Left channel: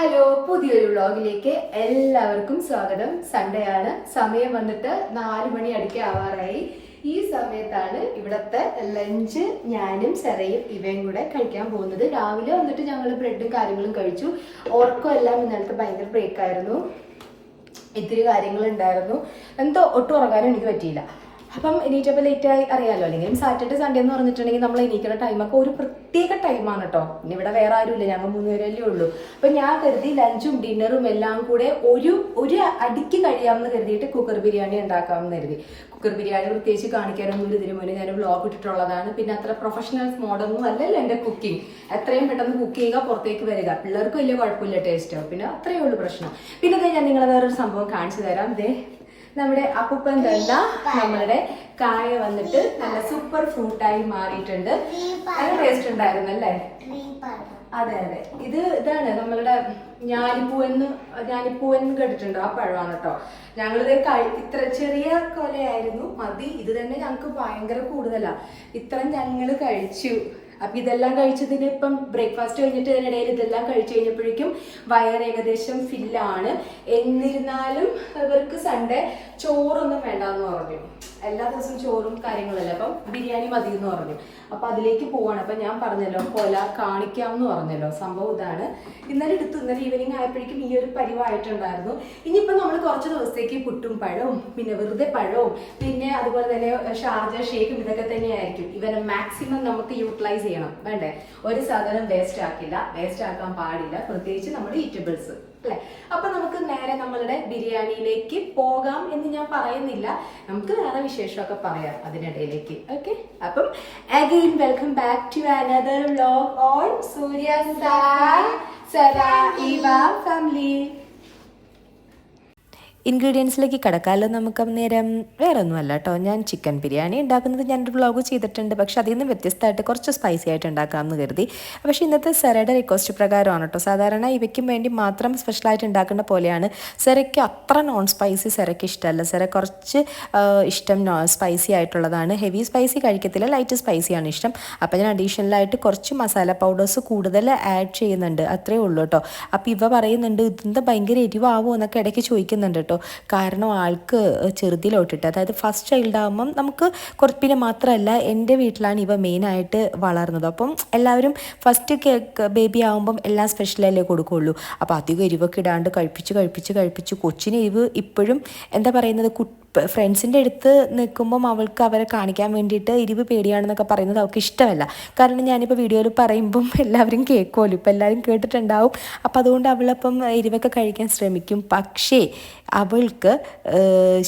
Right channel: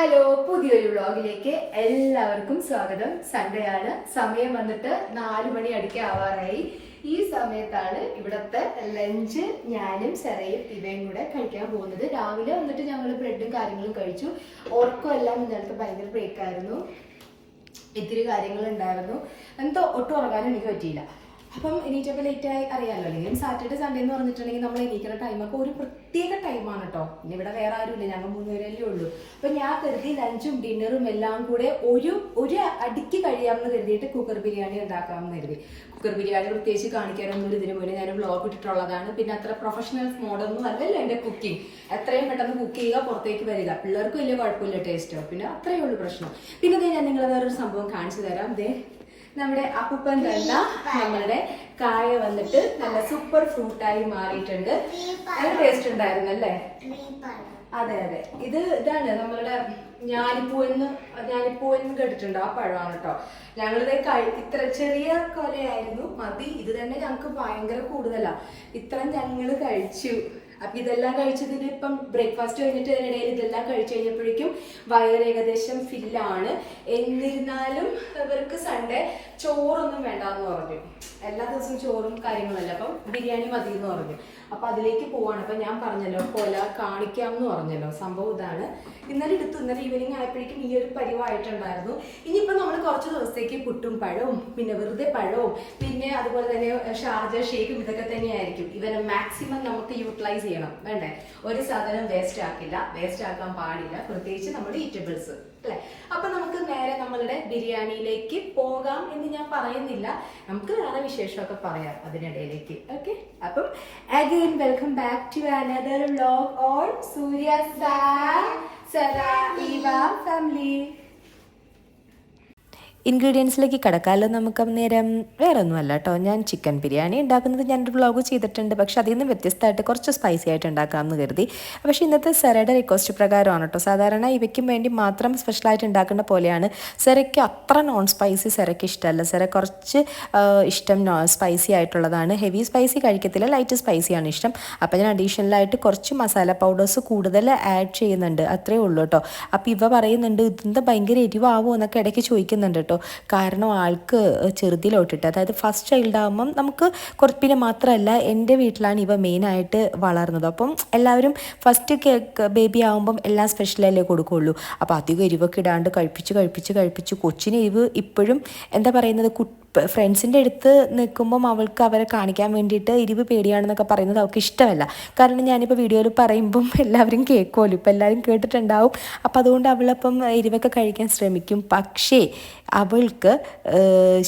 Hello, പുതിയൊരു വ്ളോഗിലേക്ക് എല്ലാവർക്കും സ്വാഗതം. സൺഡേ ആണ്. സമയം വന്നിട്ട് 4 മണി അടുക്കെ ആവാറായി. ഈ സമയത്താണ് ഇവിടുത്തെ ലഞ്ച് ഞാനും സെറയും ഇവയും കൂടെ കഴിക്കാൻ പോകുന്നത്. രാവിലെ വന്നിട്ട് ഞങ്ങൾ ബ്രെഡും കാര്യങ്ങളും കഴിച്ചു. ഓർക്കും എല്ലാം ഇന്നലത്തെ ഭയങ്കര ബ്രേക്കായിരുന്നു. ഇത്തിരി കാര്യങ്ങളുണ്ടായിരുന്നു. എന്തോ ഒട്ടും ഉറങ്ങാനും എനിക്ക് പറ്റിയില്ല. അപ്പം എണീറ്റപ്പോൾ ലേറ്റായി അറിയാമല്ലോ. അല്ലെങ്കിൽ സാറ്റർഡേ സൺഡേ എന്ന് പറഞ്ഞിട്ടുണ്ടെങ്കിൽ നമ്മൾ എണീക്കുന്ന ടൈമൊക്കെ ഒരു പ്രത്യേക ടൈമാണ് കേട്ടോ. ഇനി ഇവിടെ വേറെ ആരുമില്ല, ഞങ്ങൾ 3 പേരല്ലേ ഉള്ളൂ. അപ്പം ഞാൻ കരുതി ലഞ്ചും ഡിന്നറും എല്ലാം കൂടെ ഒരു അടിക്ക് കഴിയാമെന്ന് കരുതിയിട്ട് കുക്കർ ബിരിയാണി ഉണ്ടാക്കാമെന്ന് കരുതി. കുക്കർ ബിരിയാണി പ്രത്യേകിച്ച് കാണിക്കാനൊന്നും ഇതിനു മുന്നേ ഞാൻ വ്ളോഗ് ഇട്ടിട്ടുള്ളതാണ്. പിന്നെ അത്ര പ്രൊഫഷണൽ മോഡൊന്നും അല്ലല്ലോ എൻ്റെ കുക്കിംഗ്. എത്രയും പെട്ടെന്ന് കുക്ക് ചെയ്യുക, പുറത്തേക്ക് വരിക. പിള്ളേർക്ക് വലിയ കുഴപ്പമില്ല, ടേസ്റ്റോ. പിന്നെ അത്രയേ ഉള്ളൂ പ്രശ്നം. പിന്നെ ഇതേ ഞാൻ നിങ്ങളെ വേറൊരു സംഭവം കാണിച്ചു തരാം. ഇതേ നമ്മുടെ അപ്പൂപ്പൻ തന്ന നമ്മളുടെ കായ വന്നിട്ട് നല്ല സൂപ്പർ ഫ്രൂട്ടായി മാറിയിട്ടുണ്ട്. നല്ല ടേസ്റ്റ് ഉണ്ടായിരുന്നു അല്ലേ? അതെ അതെ, ഇതാണ് നമ്മളുടെ ഞാലിപ്പൂവൻ കേട്ടിട്ടുണ്ട്. ആ പഴമാണ് കേട്ടോ. ഞങ്ങളിത് ഇത്ര ചെറിയ കൊലയായിരുന്നു മതി. ഇത് തന്നെ ഞങ്ങൾക്ക് ഭയങ്കര കൂടുതലാ. ഇത്രയും ഞങ്ങൾ കഴിച്ചു. അപ്പൊ ഇതെല്ലാം കഴിച്ചതിന് ഇപ്പം ബ്രേക്ക്ഫാസ്റ്റ് കഴിഞ്ഞിട്ട് അതിനിടയിൽ ഇതെല്ലാം കഴിച്ചു കഴിഞ്ഞപ്പോഴേക്കും വയറ് ഏകദേശം ഫില്ലാണ്. എന്നിരുന്നാലും ഇവർക്ക് സൺഡേ ചോറൊന്നും വേണ്ടെന്ന് പറഞ്ഞു. എല്ലാ ദിവസവും ചോറും കാര്യങ്ങളല്ല, അപ്പം ബിരിയാണി മതി എന്ന് പറഞ്ഞു. അപ്പൊ അതിലേക്ക് പോവാണ്. അപ്പൊ ഞാൻ പറഞ്ഞല്ലോ കൊല കാണിക്കാമെന്ന് പറഞ്ഞല്ലോ. സംഭവം ഇതാണ്. ഇന്നലെ ഈവനിങ് ആയപ്പോഴേക്കും ഈ ഒരു പരിവായിട്ടുണ്ടായിരുന്നു. ഇനിയിപ്പോ നമ്മൾ കുറച്ച് ദിവസത്തേക്ക് പുട്ടും പഴവും പിന്നെ വെറുതെ പഴവും പിന്നെ അതുപോലെ തന്നെ ഷാർജ ഷേക്കും ഇതൊക്കെ തന്നെയായിരിക്കും. ഇവരെ മാക്സിമം നമുക്ക് യൂട്ടിലൈസ് ചെയ്യണം. വേണ്ടേ? ഒരു സാധനം വേസ്റ്റ് ആക്കാൻ പാടില്ല, പ്രത്യേകിച്ച് നമ്മുടെ ഈറ്റബിൾസ് അല്ലെ. അപ്പൊ നമുക്ക് നേരെ നമ്മളുടെ ബിരിയാണിയിലേക്ക് പോകാം എന്ന് ഞാൻ പറയുന്നില്ല. നമുക്ക് വേറെ വിശേഷമൊക്കെ പറയാം അതിനിടയിലേക്ക്. ഓക്കെ, അപ്പം again welcome back to another vlog on Surya Sera Iva family. ഇൻഗ്രീഡിയൻസിലേക്ക് കിടക്കാമല്ലോ നമുക്ക് നേരം. വേറെ ഒന്നുമല്ല കേട്ടോ, ഞാൻ ചിക്കൻ ബിരിയാണി ഉണ്ടാക്കുന്നത് ഞാനൊരു വ്ളോഗ് ചെയ്തിട്ടുണ്ട്. പക്ഷെ അതിൽ നിന്ന് വ്യത്യസ്തമായിട്ട് കുറച്ച് സ്പൈസി ആയിട്ട് ഉണ്ടാക്കാമെന്ന് കരുതി. പക്ഷേ ഇന്നത്തെ സെറയുടെ റിക്വസ്റ്റ് പ്രകാരമാണ് കേട്ടോ. സാധാരണ ഇവയ്ക്കും വേണ്ടി മാത്രം സ്പെഷ്യലായിട്ട് ഉണ്ടാക്കുന്ന പോലെയാണ്. സെറയ്ക്ക് അത്ര നോൺ സ്പൈസി സെറയ്ക്ക് ഇഷ്ടമല്ല. സെറ കുറച്ച് ഇഷ്ടം സ്പൈസി ആയിട്ടുള്ളതാണ്. ഹെവി സ്പൈസി കഴിക്കത്തില്ല, ലൈറ്റ് സ്പൈസിയാണ് ഇഷ്ടം. അപ്പോൾ ഞാൻ അഡീഷണലായിട്ട് കുറച്ച് മസാല പൗഡേഴ്സ് കൂടുതൽ ആഡ് ചെയ്യുന്നുണ്ട്, അത്രേ ഉള്ളൂ കേട്ടോ. അപ്പോൾ ഇവ പറയുന്നുണ്ട് ഇതെന്താ ഭയങ്കര എരിവാകുമോ എന്നൊക്കെ ഇടയ്ക്ക് ചോദിക്കുന്നുണ്ട് കേട്ടോ. കാരണം ആൾക്ക് ചെറുതിലോട്ടിട്ട്, അതായത് ഫസ്റ്റ് ചൈൽഡ് ആകുമ്പം നമുക്ക് പിന്നെ മാത്രമല്ല എൻ്റെ വീട്ടിലാണ് ഇവ മെയിനായിട്ട് വളർന്നത്. അപ്പം എല്ലാവരും ഫസ്റ്റ് ബേബി ആകുമ്പം എല്ലാം സ്പെഷ്യലല്ലേ കൊടുക്കുകയുള്ളൂ. അപ്പോൾ അധികം എരിവൊക്കെ ഇടാണ്ട് കഴിപ്പിച്ച് കൊച്ചിന് എരിവ് ഇപ്പോഴും എന്താ പറയുന്നത്, ഫ്രണ്ട്സിൻ്റെ അടുത്ത് നിൽക്കുമ്പം അവൾക്ക് അവരെ കാണിക്കാൻ വേണ്ടിയിട്ട് എരിവ് പേടിയാണെന്നൊക്കെ പറയുന്നത് അവൾക്ക് ഇഷ്ടമല്ല. കാരണം ഞാനിപ്പോൾ വീഡിയോയിൽ പറയുമ്പം എല്ലാവരും കേൾക്കുമല്ലോ, ഇപ്പം എല്ലാവരും കേട്ടിട്ടുണ്ടാവും. അപ്പം അതുകൊണ്ട് അവളപ്പം എരിവൊക്കെ കഴിക്കാൻ ശ്രമിക്കും. പക്ഷേ അവൾക്ക്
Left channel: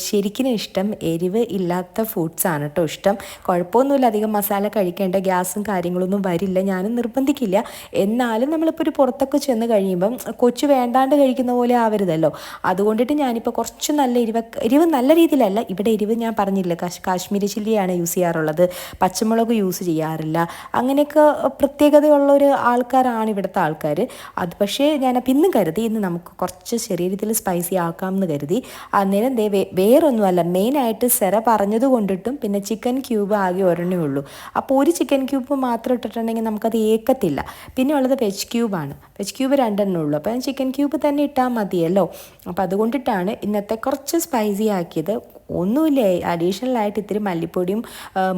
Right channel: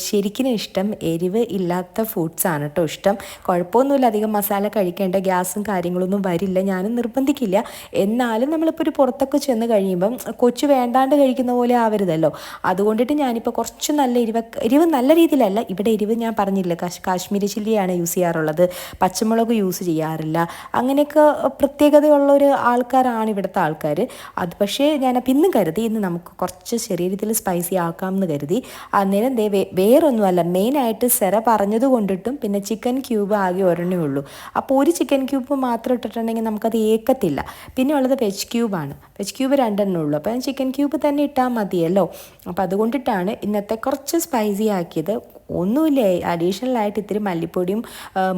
ശരിക്കും ഇഷ്ടം എരിവ് ഇല്ലാത്ത ഫുഡ്സാണ് കേട്ടോ ഇഷ്ടം. കുഴപ്പമൊന്നുമില്ല, അധികം മസാല കഴിക്കേണ്ട, ഗ്യാസും കാര്യങ്ങളൊന്നും വരില്ല, ഞാനും നിർബന്ധിക്കില്ല. എന്നാലും നമ്മളിപ്പോൾ ഒരു പുറത്തൊക്കെ ചെന്ന് കഴിയുമ്പം കൊച്ചു വേണ്ടാണ്ട് കഴിക്കുന്ന പോലെ ആവരുതല്ലോ. അതുകൊണ്ടിട്ട് ഞാനിപ്പോൾ കുറച്ച് നല്ല എരിവ് നല്ല രീതിയിലല്ല. ഇവിടെ എരിവ് ഞാൻ പറഞ്ഞില്ല, കാശ്മീരി ചില്ലിയാണ് യൂസ് ചെയ്യാറുള്ളത്, പച്ചമുളക് യൂസ് ചെയ്യാറില്ല. അങ്ങനെയൊക്കെ പ്രത്യേകതയുള്ള ഒരു ആൾക്കാരാണ് ഇവിടുത്തെ ആൾക്കാർ. അത് പക്ഷേ ഞാനപ്പോൾ ഇന്ന് കരുതി ഇന്ന് നമുക്ക് കുറച്ച് ചെറിയ രീതിയിൽ സ്പൈസി ആക്കാമെന്ന് കരുതി. അന്നേരം വേറൊന്നുമല്ല, മെയിനായിട്ട് സെറ പറഞ്ഞത് കൊണ്ടിട്ടും പിന്നെ ചിക്കൻ ക്യൂബ് ആകെ ഒരെണ്ണേ ഉള്ളൂ. അപ്പോൾ ഒരു ചിക്കൻ ക്യൂബ് മാത്രം ഇട്ടിട്ടുണ്ടെങ്കിൽ നമുക്കത് ഏക്കത്തില്ല. പിന്നെ ഉള്ളത് വെജ് ക്യൂബാണ്. വെജ് ക്യൂബ് 2 ഉള്ളൂ. അപ്പോൾ ചിക്കൻ ക്യൂബ് തന്നെ ഇട്ടാൽ മതിയല്ലോ. അപ്പോൾ അതുകൊണ്ടിട്ടാണ് ഇന്നത്തെ കുറച്ച് സ്പൈസി ആക്കിയത്. ഒന്നുമില്ലേ, അഡീഷണലായിട്ട് ഇത്തിരി മല്ലിപ്പൊടിയും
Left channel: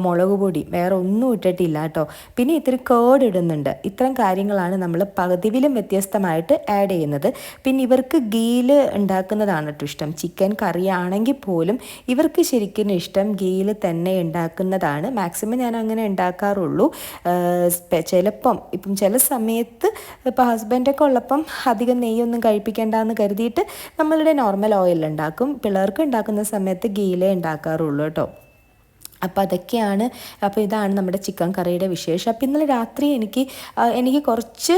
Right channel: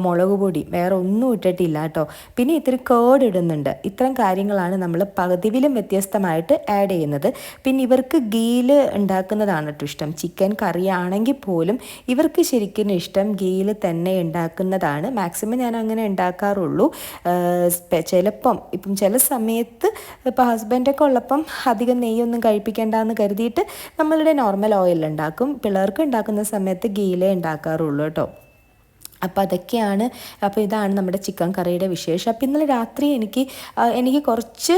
മുളക് പൊടിയും, വേറെ ഒന്നും ഇട്ടിട്ടില്ല കേട്ടോ. പിന്നെ ഇത്തിരി കേർഡ് ഇടുന്നുണ്ട്. ഇത്തരം കാര്യങ്ങളാണ് നമ്മൾ പതിവിലും വ്യത്യസ്തമായിട്ട് ആഡ് ചെയ്യുന്നത്. പിന്നെ ഇവർക്ക് ഗീയിൽ ഉണ്ടാക്കുന്നതാണ് കേട്ടോ ഇഷ്ടം. ചിക്കൻ കറി ആണെങ്കിൽ പോലും ഇവർക്ക് ശരിക്കും ഇഷ്ടം ഗീയിൽ തന്നെ ഉണ്ടാക്കുന്നതാണ്. മാക്സിമം ഞാൻ അങ്ങനെ ഉണ്ടാക്കാറുള്ളൂ. ചിലപ്പം ചില സമയത്ത് ഇപ്പോൾ ഹസ്ബൻഡൊക്കെ ഉള്ളപ്പം അധികം നെയ്യൊന്നും കഴിപ്പിക്കേണ്ടെന്ന് കരുതിയിട്ട് നമ്മളുടെ നോർമൽ ഓയിലുണ്ടാക്കും. പിള്ളേർക്ക് ഉണ്ടാക്കുന്ന സമയത്ത് ഗീയിലേ ഉണ്ടാക്കാറുള്ളൂ കേട്ടോ. അപ്പോൾ അതൊക്കെയാണ്. അപ്പോൾ ഇതാണ് നമ്മുടെ ചിക്കൻ കറിയുടെ വിശേഷം. അപ്പോൾ ഇന്നലെ രാത്രി എനിക്ക് കുറച്ച്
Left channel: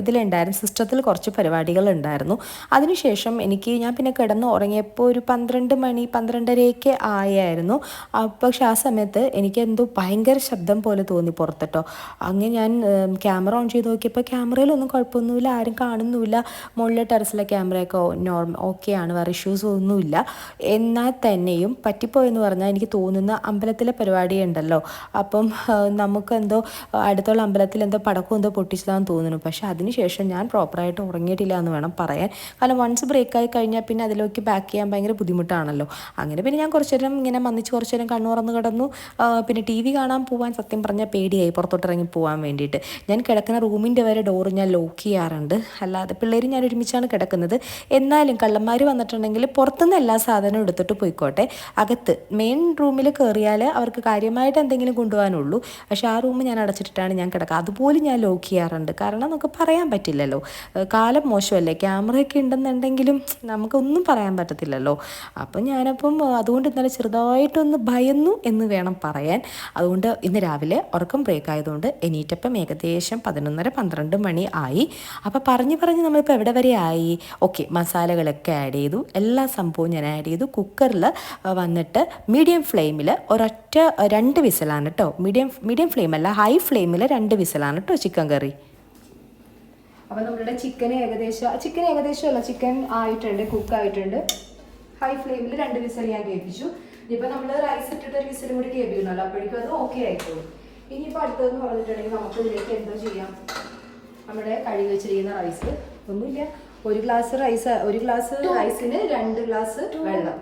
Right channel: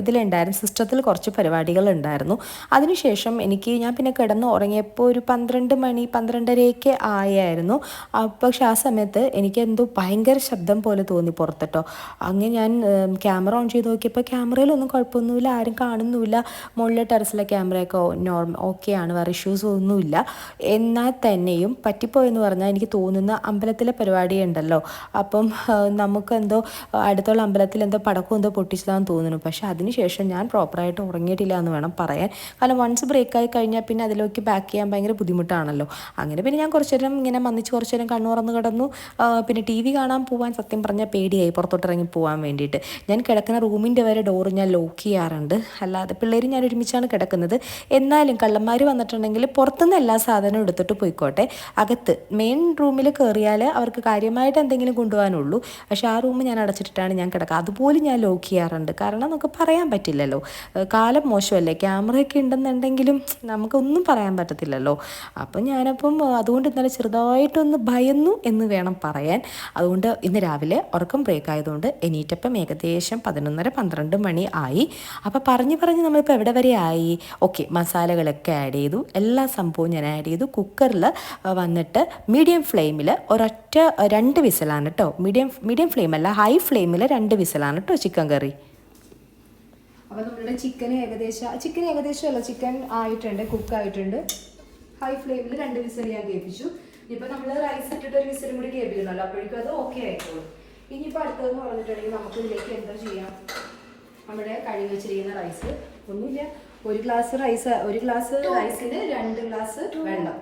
ഇതിലുണ്ടായിരുന്നു, സിസ്റ്റത്തിൽ കുറച്ച് പരിപാടികളുണ്ടായിരുന്നു. അതിനുശേഷം ഞാൻ പിന്നെ കിടന്ന് ഉറങ്ങിയപ്പോൾ ഒരു 12 മണി 12:30 ആയായിരുന്നു. പക്ഷെ ആ സമയത്ത് എനിക്ക് എന്തോ ഭയങ്കര ശബ്ദം പോലെ തോന്നി പുറത്തിട്ടോ. അങ്ങനെ ഞാൻ ക്യാമറ ഓൺ ചെയ്ത് നോക്കിയപ്പോൾ ക്യാമറയിലൊന്നും കുഴപ്പമൊന്നുമില്ല, ആരും കാണുന്നുമില്ല. മുകളിലെ ടെറസിലെ ക്യാമറയൊക്കെ ഓക്കെയാണ്, വേറെ ഇഷ്യൂസ് ഒന്നുമില്ല. എന്നാൽ തന്നെയും പറ്റിപ്പോയെന്ന് പറഞ്ഞാൽ എനിക്ക് തോന്നുന്ന അമ്പലത്തിലെ പരിപാടി ഉണ്ടല്ലോ, അപ്പം നമുക്കെന്തോ അടുത്തുള്ള അമ്പലത്തിൽ എന്തോ പടക്കം എന്തോ പൊട്ടിച്ചതാണെന്ന് തോന്നുന്നു. പക്ഷേ അതിനുശേഷം ഞാൻ പ്രോപ്പറായിട്ട് ഉറങ്ങിയിട്ടില്ല എന്ന് വേണം പറയാൻ. കാരണം വൺസ് ബ്രേക്കായി കഴിഞ്ഞാൽ പിന്നെ അതിലേക്ക് ബാക്ക് ചെയ്യാൻ ഭയങ്കര ബുദ്ധിമുട്ടാണല്ലോ. അങ്ങനെ പിന്നെ ഞാൻ കുറച്ച് നേരം ഇങ്ങനെ മന്നിച്ച് കുറച്ച് നേരം കണ്ണു തുറന്ന് കിടന്നു. പിന്നെ TV കാണാൻ പോകാൻ സത്യം പറഞ്ഞാൽ പേടിയായി, പുറത്തോട്ടിറങ്ങി പോകാൻ വേണ്ടിയിട്ട്. ഞാൻ കിടക്കുന്ന റൂമിൻ്റെ വരെ ഡോറ് ഞാൻ ലോക്ക് ചെയ്യാറുണ്ട്. അല്ലാതെ പിള്ളേരും ഞാൻ ഒരുമിച്ചാണ് കിടക്കുന്നത്. എന്നാലും കള്ളന്മാർ വന്നിട്ടുണ്ടെങ്കിൽ പുറത്തുനിന്ന് എല്ലാ സാധനവും എടുത്തിട്ട് പോയിക്കോട്ടെ, അകത്ത് മെയിൻ റൂമിൽ കയറിയാൽ അവർക്ക് കാര്യമായിട്ട് എന്തെങ്കിലും കൊണ്ടുപോകാനുള്ളൂ. പക്ഷേ ആ റൂം ഞാൻ അടച്ചിട്ടിട്ടാണ് ഞാൻ കിടക്കുക. അതുപോലും ഞാൻ ലോക്ക് ചെയ്യാറുണ്ട്. കാരണം നമുക്ക് പറയാൻ പറ്റില്ലല്ലോ, കാലം മോശമല്ലേ, ക്യാമറയൊക്കെ ഉണ്ടെന്നുണ്ടെങ്കിലും നമുക്കൊന്നും പറയാൻ പറ്റത്തില്ലല്ലോ. അപ്പം അതുകൊണ്ട് ഇന്നലെ ചെറുതായിട്ടൊന്ന് ഭയന്നു എന്ന് വേണം പറയാൻ. അതുകൊണ്ട് ഇന്ന് രാവിലെ ഉറക്കം ബ്രേക്ക് ആയതുകൊണ്ട് എണീറ്റപ്പം ഏകദേശം 11:30-12 മണി ആയി. അപ്പോൾ പറഞ്ഞ് നമ്മളിപ്പോൾ എവിടെ വരെ ആയി? ഓക്കെ, മസാലകളൊക്കെ ആഡ് ചെയ്തു, എല്ലാ സംഭവവും ഞാൻ ആഡ് ചെയ്തു. കുക്കറിൽ വന്നിട്ട് മീഡിയം ഫ്ലെയിമിൽ ഒരൊറ്റ 2 വിസിലാണ് കേട്ടോ. മീഡിയം ഫ്ലെയിമല്ല, ഹൈ ഫ്ലെയിമിൽ 2 വിസിലാണ് കേട്ടോ ചിക്കൻ കറി. അപ്പോൾ നമ്മളുടെ ചിക്കൻ ഏകദേശം ചിക്കൻ ആയിട്ടുണ്ട്, കുക്കായിട്ടുണ്ട്. ഹൈ ഫ്ലെയിമിൽ 2 വിസിൽ ഞാൻ കേൾപ്പിച്ചു. ഇനിയിപ്പോൾ നമ്മൾ റൈസ് ഇട്ടിട്ട് ഒരു വിസിലും കൂടി കേൾപ്പിക്കുന്നല്ലോ, അപ്പോഴേക്കും അത് ഓക്കെ ആയിക്കോളും. ഇനിയിപ്പോൾ അടുത്തതെന്ന് പറഞ്ഞിട്ടുണ്ടെങ്കിൽ നമുക്ക് ഇതിലേക്ക് എന്തോ ചെയ്യാം. നമ്മുടെ കഴുകി വെച്ചിരിക്കുന്ന റൈസ് ഒന്നുമില്ല, ഒരു ഗ്ലാസ് റൈസിന് 2 ഗ്ലാസ് വെള്ളം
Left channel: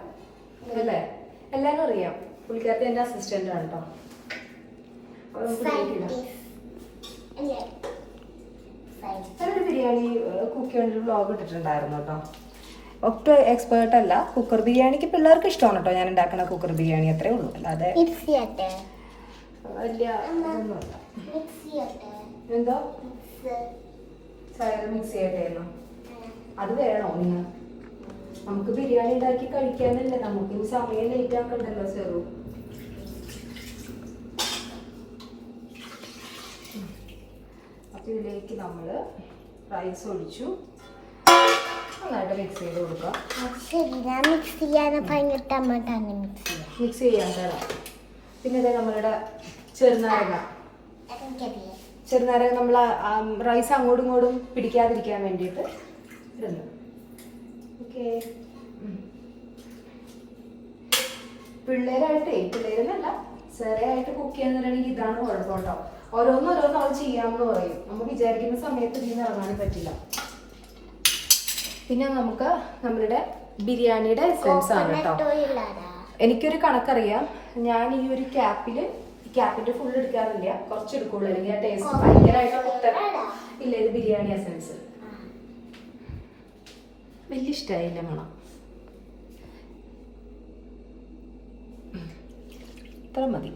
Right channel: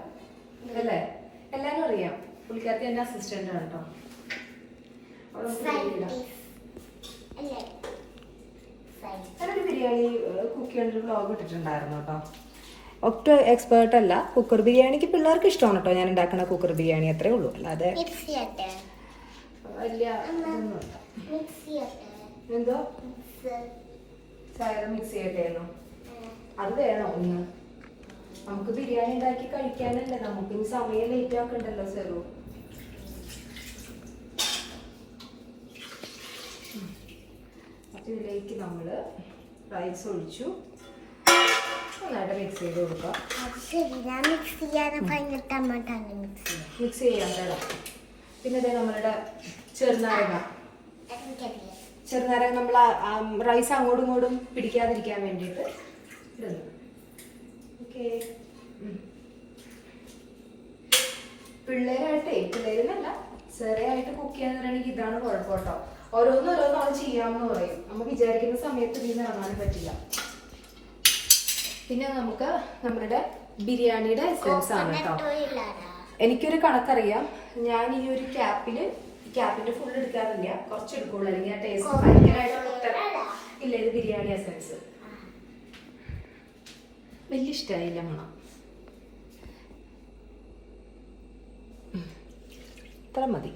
അല്ലേ? എല്ലാവരും അറിയാം, പുള്ളിക്കാരത്തി എൻ്റെ അസിസ്റ്റൻ്റ് ആണ് കേട്ടോ. അപ്പോൾ നമുക്ക് ഞാനൊരു ബിരിയാണി കുക്ക് ചെയ്യേണ്ട വ്ളോഗ് ഇട്ടിട്ടുണ്ടായിരുന്നു കേട്ടോ. ഒട്ടും എക്സ്പേർട്ട് അല്ല. കുക്കർ ബിരിയാണിക്ക് പിള്ളേർക്ക് ഇഷ്ടമാണ് കേട്ടോ ഞാൻ ഉണ്ടാക്കുന്ന കുക്കർ ബിരിയാണി, അത്രേ ഉള്ളൂ. അല്ലാതെ വലിയ ഇതൊന്നുമല്ല. എന്തോ മിക്സ് ചെയ്യട്ടായിരുന്നു, അത് വേണോ? ഇന്ന് നമുക്ക് ബിരിയാണി ഉണ്ടാക്കി കഴിക്കാനല്ലേ, നമുക്ക് ഇനി സമയം ലേറ്റ് ആക്കണ്ടല്ലോ ചെറു. അപ്പൊ ഇതിലേക്ക് നമ്മൾ റൈസ് ഒഴിച്ചു നന്നായിട്ട് മിക്സ് ചെയ്ത് കൊടുക്കാം. മിക്സ് ചെയ്യാൻ തരാം. പിന്നെ ഇതേ നമ്മളുടെ ചെറുനാരങ്ങ നമ്മൾ റൈസ് അങ്ങോട്ടും ഇങ്ങോട്ടും പിടിക്കാതിരിക്കാൻ വേണ്ടിയിട്ട് ഇടുന്നു. ഓക്കെ, പിള്ളേരെന്നല്ല ചെറിയായിട്ട് കുക്ക് ചെയ്യാന്നുണ്ടെങ്കിൽ ഇതാണ് കുഴപ്പം കേട്ടോ. ഓരോന്നോരോന്നും അത് ചെയ്യാമെന്ന് പറയും, നമ്മൾ വിചാരിക്കുന്ന സമയത്ത് ഇതിന് ഇറങ്ങാനും പറ്റില്ല. പിന്നെ നമുക്ക് നമ്മളുടെ ബിരിയാണിയുടെ എസൻസ് ആണ് കേട്ടോ. എനിക്കൊരു കണക്കറിയാം, ഞാൻ ഈ ഒരു ക്യാപ്പിന്റെ ഫുൾ എടുക്കാറില്ല, കുറച്ച് എടുക്കുള്ളൂ, അല്ലെങ്കിൽ ആ ടേസ്റ്റ് ഭയങ്കരമായിട്ട് ഇല്ല. ഇത് ബിരിയാണി എസൻസ് വലിയ ഇഷ്ടമായില്ല മണം. ഇത്ര മതി.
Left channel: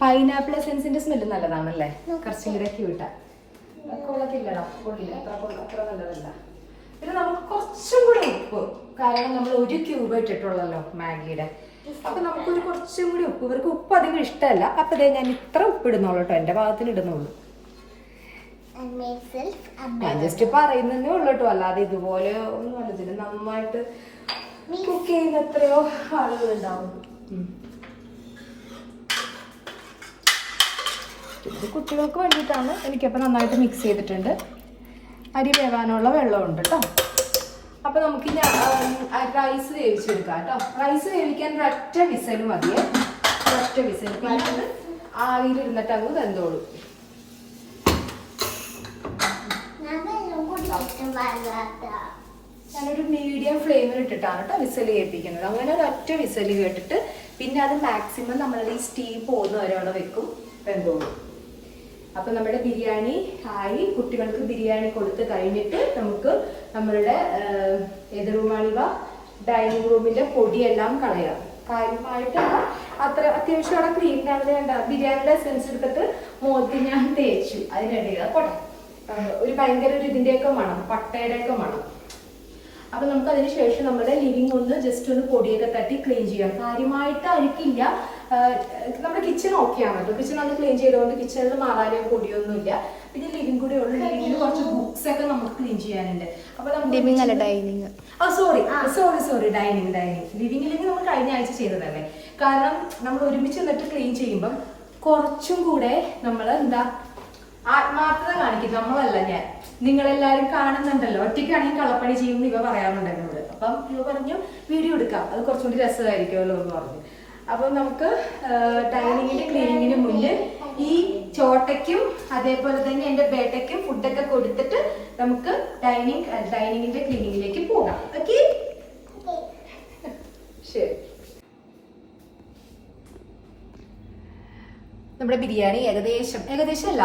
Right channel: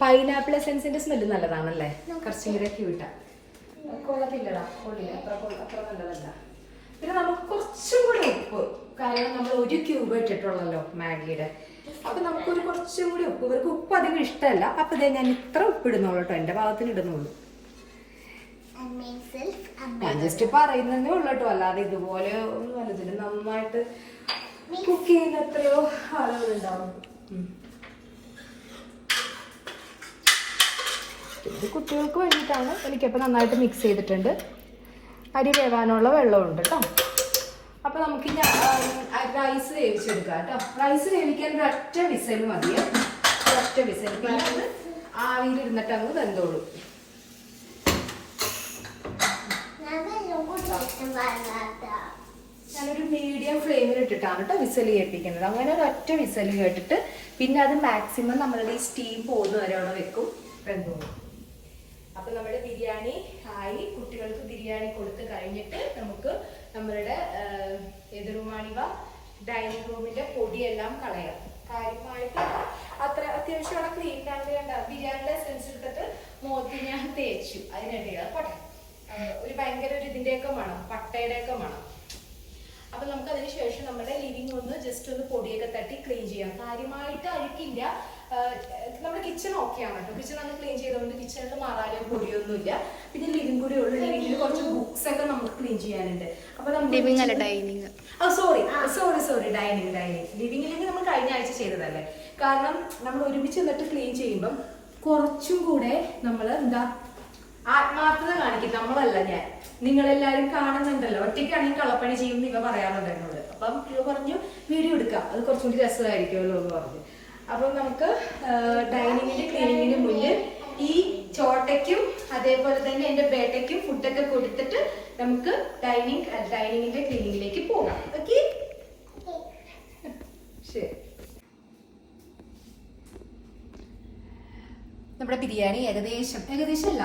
പൈനാപ്പിൾ എസൻസിന്റെ സ്മെല്ല് നല്ലതാണല്ലേ, കുറച്ചും കൂടെ ക്യൂട്ടാ. കൊള്ളത്തില്ലടാ, കൊള്ളില്ല, അത്ര നല്ലതല്ല. പിന്നെ നമുക്ക് കുറച്ചും കൂടി ഉപ്പ്, കാരണം നമ്മൾ 1 ക്യൂബ് ഇട്ടിട്ടുള്ളല്ലോ മാഗിയുടെ, അപ്പൊ നമുക്കൊരു കുറച്ചും കൂടി ഉപ്പ്. ഇവർക്ക് ഉപ്പ് അധികം ഇഷ്ടമല്ല, അപ്പൊ ഇതേ ഞാൻ ഇത്ര ഉപ്പ് ഇടുന്നുള്ളൂ കേട്ടോ, എന്റെ ഭാഗത്തിന് ഇടുന്നുള്ളൂ. ഞാൻ ജസ്റ്റ് പറയുന്നതേ ഉള്ളൂ കേട്ടോ, അല്ലാതെ ഇതുപോലെ ഒന്നും അല്ല. ഇതിന് നന്നായിട്ട് കുക്ക് ചെയ്യുന്ന എത്രയോ ആളുകളുണ്ടാവും. ഇത് കുട്ടികൾക്ക് വേണ്ടിയിട്ടാണ്. എനിക്കപ്പോൾ നന്നായിട്ട് മിക്സ് ചെയ്തിട്ടുണ്ട്. അരി വേവാനുള്ള വെള്ളമുണ്ട് കേട്ടോ. അപ്പോൾ നമുക്ക് റൈസ് വേവിച്ചെടുക്കാം കേട്ടോ. റൈസ് വേവിക്കാൻ ഒരൊറ്റ വിസൽ മതിയേ, ഒരൊറ്റ വിസൽ. പിന്നെ അത് ആവിയിലിരുന്നിട്ട് അങ്ങ് വെന്തോളൂ. ഞാനൊരു മീഡിയം ഫ്ലെയിമിൽ ഇട്ടിട്ടാണ് കേട്ടോ വിസൽ കേൾപ്പിക്കുന്നത്. അങ്ങനെ ഒരൊറ്റ വിസൽ കേട്ടിട്ട് പിന്നെ അത് മാക്സിമം നമ്മളുടെ ഈ സ്റ്റീം പോകുന്ന വരെ അവിടെ വെക്കും, വെന്തോളൂ. അപ്പൊ നമ്മുടെ ബിരിയാണി ആയി. കുട്ടികൾക്ക് ബിരിയാണി കൊടുത്ത് കഴിഞ്ഞിട്ട് നമുക്ക് നമ്മളുടെ ഏത് റൂമാണിവ, ഡൈനിങ് റൂമിന്റെ പൊടിയെല്ലാം കളയാം. കാര്യമായിട്ട് അത്ര അത്യാവശ്യം അവിടെ ക്ലീൻ ആവുന്ന ബിരിയാണിയുടെ എസൻസ് എടുത്തിട്ട് മുഖത്ത് ഞാൻ തേച്ചു. അതിനിടയിൽ പോട്ടെ, ഒരു ഭയങ്കര ഒരു ഇതിന്റെയൊക്കെ മണം, പട്ടയുടെയൊക്കെ മണം. അപ്പൊ നമുക്ക് അതിന് ശേഷം നമ്മുടെ ലിവിങ് ഒന്ന് ജസ്റ്റ് ഒന്ന് പൊടിയൊക്കെ തട്ടി ക്ലീൻ ചെയ്യാം. കാര്യമായിട്ട് അഴുക്കില്ല. നമ്മുടെ കിച്ചൺ ഓക്കെയാണ് കേട്ടോ. കിച്ചൺ ഒന്ന് ക്ലീൻ ചെയ്തുകൊണ്ട് കിച്ചണിൽ മാറാനും പൊടിയൊന്നുമില്ല. പിന്നെ ലിവിങ് കൂടി ഉള്ളു. ലിവിങ്ങിൽ കുറച്ച് ബുക്സ് ഒക്കെ നമുക്ക് ക്ലീൻ ചെയ്യാനുണ്ട്. അപ്പൊ ഡൈനിങ് ലിവിങ്ങിലേക്ക് നമ്മൾ കഴിഞ്ഞ ആഴ്ച ചെയ്തതല്ലേ. കാരണം നമ്മൾ ഒരുമിച്ച് നിന്നിട്ട് ക്ലീൻ ചെയ്യുമ്പം കുറച്ചും കൂടെ നമ്മൾ ആത്മാർത്ഥത കാണിക്കും. നമ്മളല്ല, നിങ്ങളെല്ലാരും കാണുന്നുണ്ടല്ലോ. ഒറ്റയ്ക്കാണെങ്കിൽ കളപ്പണി ചെയ്യുമെന്ന് ഇവ പറയാറുണ്ട് എന്നോട്. അപ്പം ഇവ പറഞ്ഞു വീഡിയോ എടുക്കാം, അത് കുറച്ചുകൂടി രസമായിരിക്കുമല്ലോ എന്ന് പറഞ്ഞു. അപ്പൊ നമുക്ക് ഡൈനിങ്ങിന്റെ ക്ലീനിങ്ങിന് മുന്നിൽ ഈ ചോട്ടയ്ക്കും അതേപോലെ തന്നെ എന്റെ ബേട്ടയ്ക്കും ഫുഡൊക്കെ കൊടുത്തിട്ട് നമുക്ക് ഡൈനിങ്ങിന്റെ ക്ലീനിങ്ങിലേക്ക് പോകാം. ഓക്കെ, ശരി. നമ്മുടെ ബിരിയാണി ഏകദേശം അല്ല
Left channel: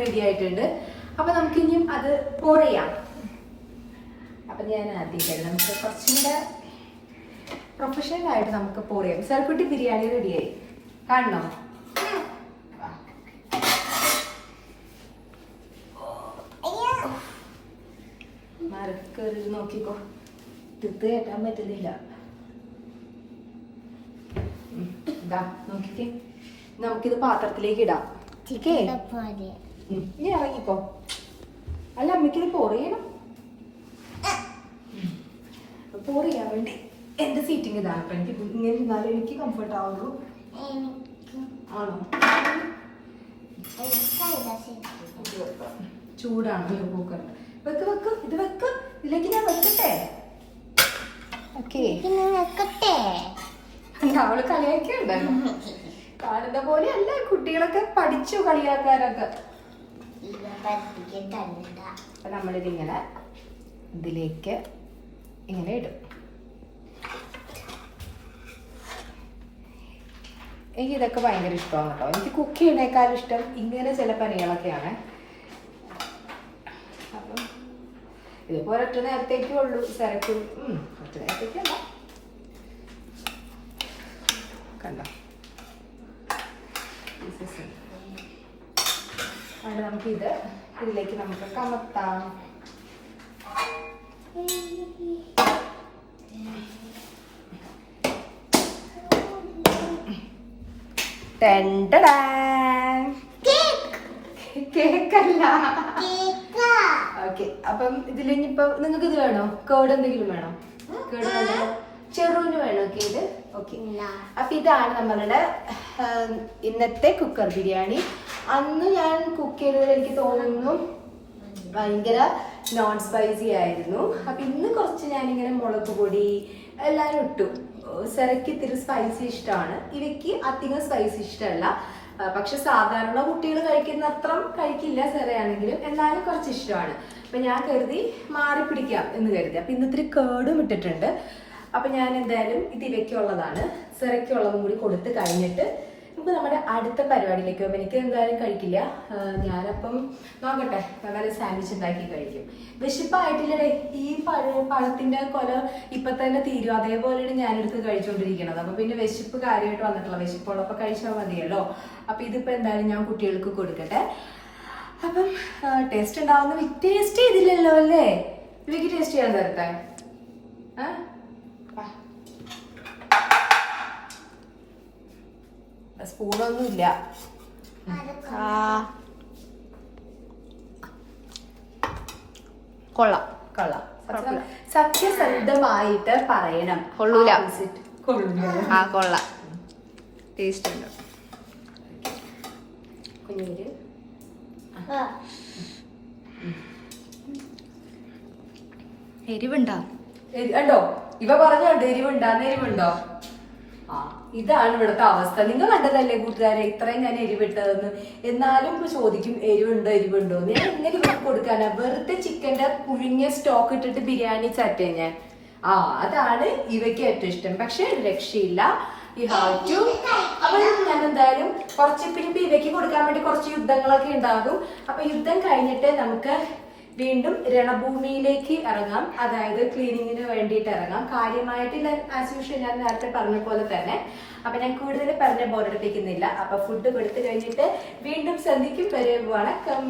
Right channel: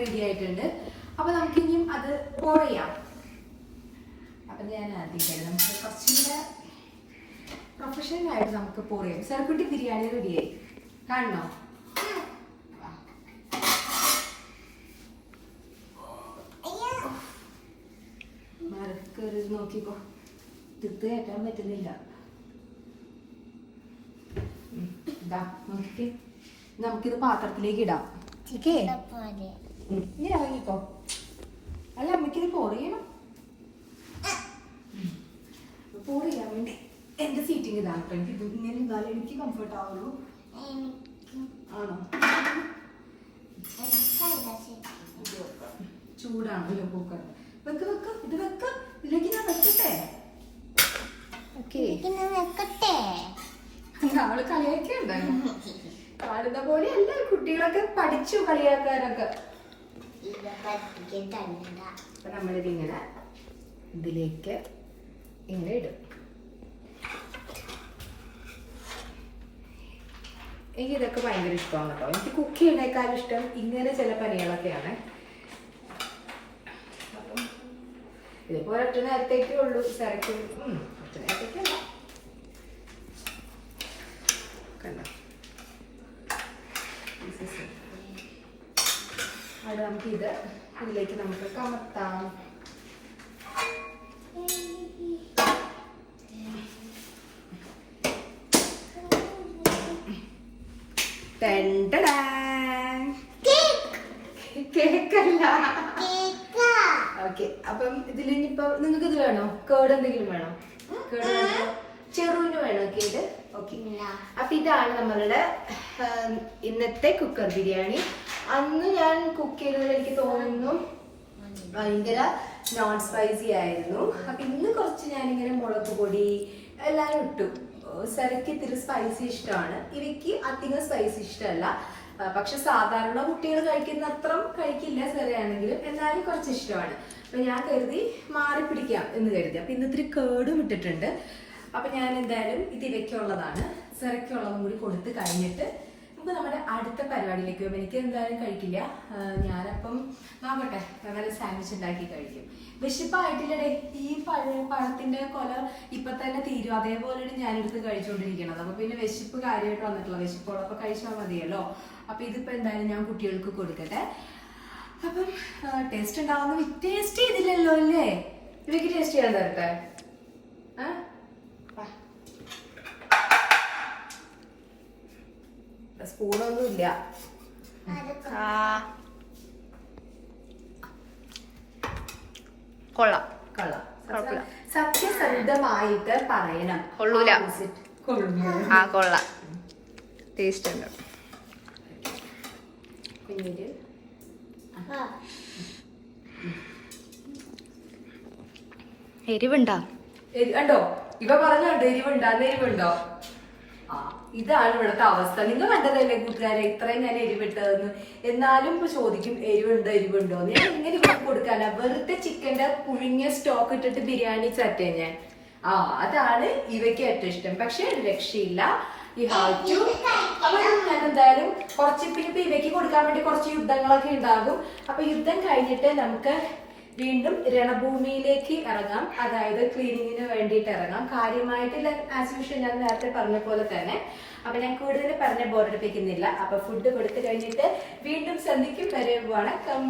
റെഡി ആയിട്ടുണ്ട്. അപ്പൊ നമുക്ക് ഇനിയും അത് pour ചെയ്യാം. അപ്പൊ ഞാൻ ആദ്യം നമുക്ക് കുറച്ചും കൂടെ പ്രൊഫഷണൽ ആയിട്ട് നമുക്ക് pour ചെയ്യാം. സർക്കുട്ടി ബിരിയാണി റെഡിയായി കാണണോ? മറക്കരുത്, നോക്കിക്കോ, തിത്ത് കയറ്റാൻ പറ്റുന്നില്ല. ഇതാ നോക്കിക്കേ, നമുക്കിത് പാത്രത്തിലേക്ക് ഇടാം. നീ ഇറങ്ങിക്കോ. അല്ല, അമ്മയ്ക്കിത് pour ചെയ്യണം. pour ചെയ്യാൻ വേണ്ടി എന്റെ സീറ്റിംഗ് ഇതാണ്. എനിക്ക് ഇങ്ങനെ ഇരുന്നാലും എനിക്ക് കംഫർട്ട് ആവുള്ളൂ. ആണോ? ചൂടാണല്ലോ കുക്കറിന്. ഇത് വെക്ക്. ഇതിലേക്ക് ഞാൻ വെക്കട്ടെ? ഓക്കെ, അവള് കളിയാക്കിയുണ്ടായിരുന്നു. കാണുന്ന പോലെ അല്ല, കുട്ടികളൊക്കെ പഠിച്ചു കളിയാക്കാനൊക്കെ. അപ്പൊ നമ്മളിതിങ്ങനെ ഇതിലേക്ക് ഇങ്ങനെ ഇടും. എനിക്ക് ഇതൊക്കെ ഭയങ്കര ഇഷ്ടമാണ് കേട്ടോ. എനിക്ക് കുക്ക് ചെയ്യണേക്കാളും ഇഷ്ടം ഇങ്ങനെ ചില പണികളൊക്കെയാണ്. അപ്പം ഇതിപ്പോ ഒരൊറ്റ നേരത്തേക്കേ ഉള്ളൂ. തിരക്ക് ഒറ്റ നേരത്തേക്കല്ല, കണ്ടോ? അവിടെ നമുക്ക് ഇതിലേക്ക് നമുക്ക് കമത്താം. കേക്കല്ല. ഓക്കെ, അപ്പം ഇതിലിപ്പോ നിങ്ങൾക്ക് ഇത് വേണോ? കേട് എന്തെങ്കിലും വേണോ? കേട് വേണോ? ചെറുവിന് വേണോ കേട്? ഓക്കെ, അപ്പൊ ഇതാണ് നമ്മളുടെ ഇന്നത്തെ കുക്കർ ബിരിയാണി. അന്ന് ഞാൻ കുക്ക് ചെയ്തത് എനിക്ക് തോന്നുന്നു ഭയങ്കര നോൺ സ്പൈസി ആയിരുന്നു. അപ്പൊ ഇന്ന് കുറച്ച് ഞാനിങ്ങനെ മുളക് പൊടി എല്ലാം ഇട്ടു. സെറയ്ക്ക് ഇത്തിരി സ്പൈസി ഇഷ്ടമാണ്, ഇവയ്ക്ക് അധികം സ്പൈസി ഇഷ്ടമല്ല. പക്ഷെ സാധാരണ കുട്ടികൾ കഴിക്കുന്ന അത്ര കഴിക്കില്ല സെറയാണെങ്കിലും, എന്നാലും കുറച്ച് ഇഷ്ടമാണ്. അപ്പൊ ഞാൻ കരുതി മാറി പിടിക്കാം എന്ന് കരുതി. അപ്പൊ ഇന്ന് ഇത്തിരി കേടും ഇട്ടിട്ടുണ്ട്. അപ്പൊ ഞാൻ എന്തായാലും ഇത് ഇവയ്ക്കുള്ളതാണ്, സെറയ്ക്കുള്ളതും കൂടി കൊടുത്ത് കഴിഞ്ഞിട്ട് നമുക്ക് നമ്മുടെ അടുത്ത പരിപാടിയിലേക്ക് പോകും. എനിക്ക് എന്തായാലും കഴിക്കില്ല. ഞാനപ്പം നോക്കട്ടെ, അങ്ങനെ സാൻഡ്വിച്ച് ഉണ്ടാക്കി കഴിക്കും. വിശപ്പായിട്ടില്ലേ? ഈ പഴത്തിന്റെ കൊല ഇപ്പൊ തന്നെ തീരും. അതേപോലെയാണ് ഞാനെടുത്ത് കഴിച്ചുകൊണ്ടിരിക്കണത്. അപ്പൊ പിന്നെ വിശപ്പ് കാര്യമായിട്ട് വന്നിട്ടില്ല. വിശപ്പുള്ളപ്പോ കഴിച്ചാൽ മതിയല്ലോ. അപ്പൊ ഇതിപ്പോ എന്തായാലും ഞാൻ കുട്ടികൾക്ക് കൊടുക്കട്ടെ. അപ്പം ടേസ്റ്റ് ഉണ്ടാവുന്ന ടേസ്റ്റ് ചെയ്തില്ലല്ലോ അല്ലേ? ഇവയ്ക്ക് ടേസ്റ്റ് ചെയ്യാൻ തരട്ടെ. സ്പൂണൊന്നും ഇല്ല. കൊള്ളാം. സത്യസന്ധമായിട്ട് പറയണം. കൊള്ളൂല. കൊള്ളാം, ടേസ്റ്റ് ഉണ്ട്. എരിവുണ്ടോ? കണ്ടോ, ഇവ പറഞ്ഞോണ്ട് എരിവുണ്ടോ? ഇതാണ് ഇവിടുത്തെ അവസ്ഥ. നിങ്ങൾ കണ്ടതല്ലേ കൂട്ടുകാരെ, ഇത്രയും ഞാൻ എരിവിട്ടതെന്ന്. എന്നാലും ഇപ്പൊ ചോദിക്കും എരിവുണ്ടോ. ഞാൻ ഇങ്ങനെ ഇവിടെ കൊടുക്കാനാ? വെറുതെ ചിക്കന്റെ പുഴുങ്ങിയ സ്റ്റോക്ക് ഇട്ടിട്ട് ബിരിയാണി ചറ്റേ ഞാൻ. അതാണ് ഇവയ്ക്ക് ഏറ്റവും ഇഷ്ടം. പക്ഷെ രക്ഷയില്ല, ഈ ഹാവ് ടു. അപ്പൊ ഞാൻ എന്തായാലും കുറച്ച് പിന്നെ ഇവയ്ക്ക് കൊടുക്കാൻ വേണ്ടി കുറച്ച് യുദ്ധങ്ങളൊക്കെ ഉണ്ടാകും. അപ്പൊ യുദ്ധം കഴിഞ്ഞിട്ട് നമുക്ക് വീണ്ടും രണഭൂമിയിലേക്ക് ഇറങ്ങാം. അതായത് ക്ലീനിങ്ങിന് വേണ്ടിയിട്ട് ഇറങ്ങാം. കാര്യമായിട്ടില്ല, ആസ് യൂഷ്വൽ ഞാൻ നേരത്തെ പറഞ്ഞ പോലെ തന്നെ. അപ്പൊ ഞാൻ കൂടുതൽ പറഞ്ഞ ബോറടിപ്പിക്കുന്നില്ല. അപ്പൊ ഫുഡ് കൊടുത്തു കഴിഞ്ഞിട്ട് വീണ്ടും സന്ധിക്കും വരെ വണക്കം.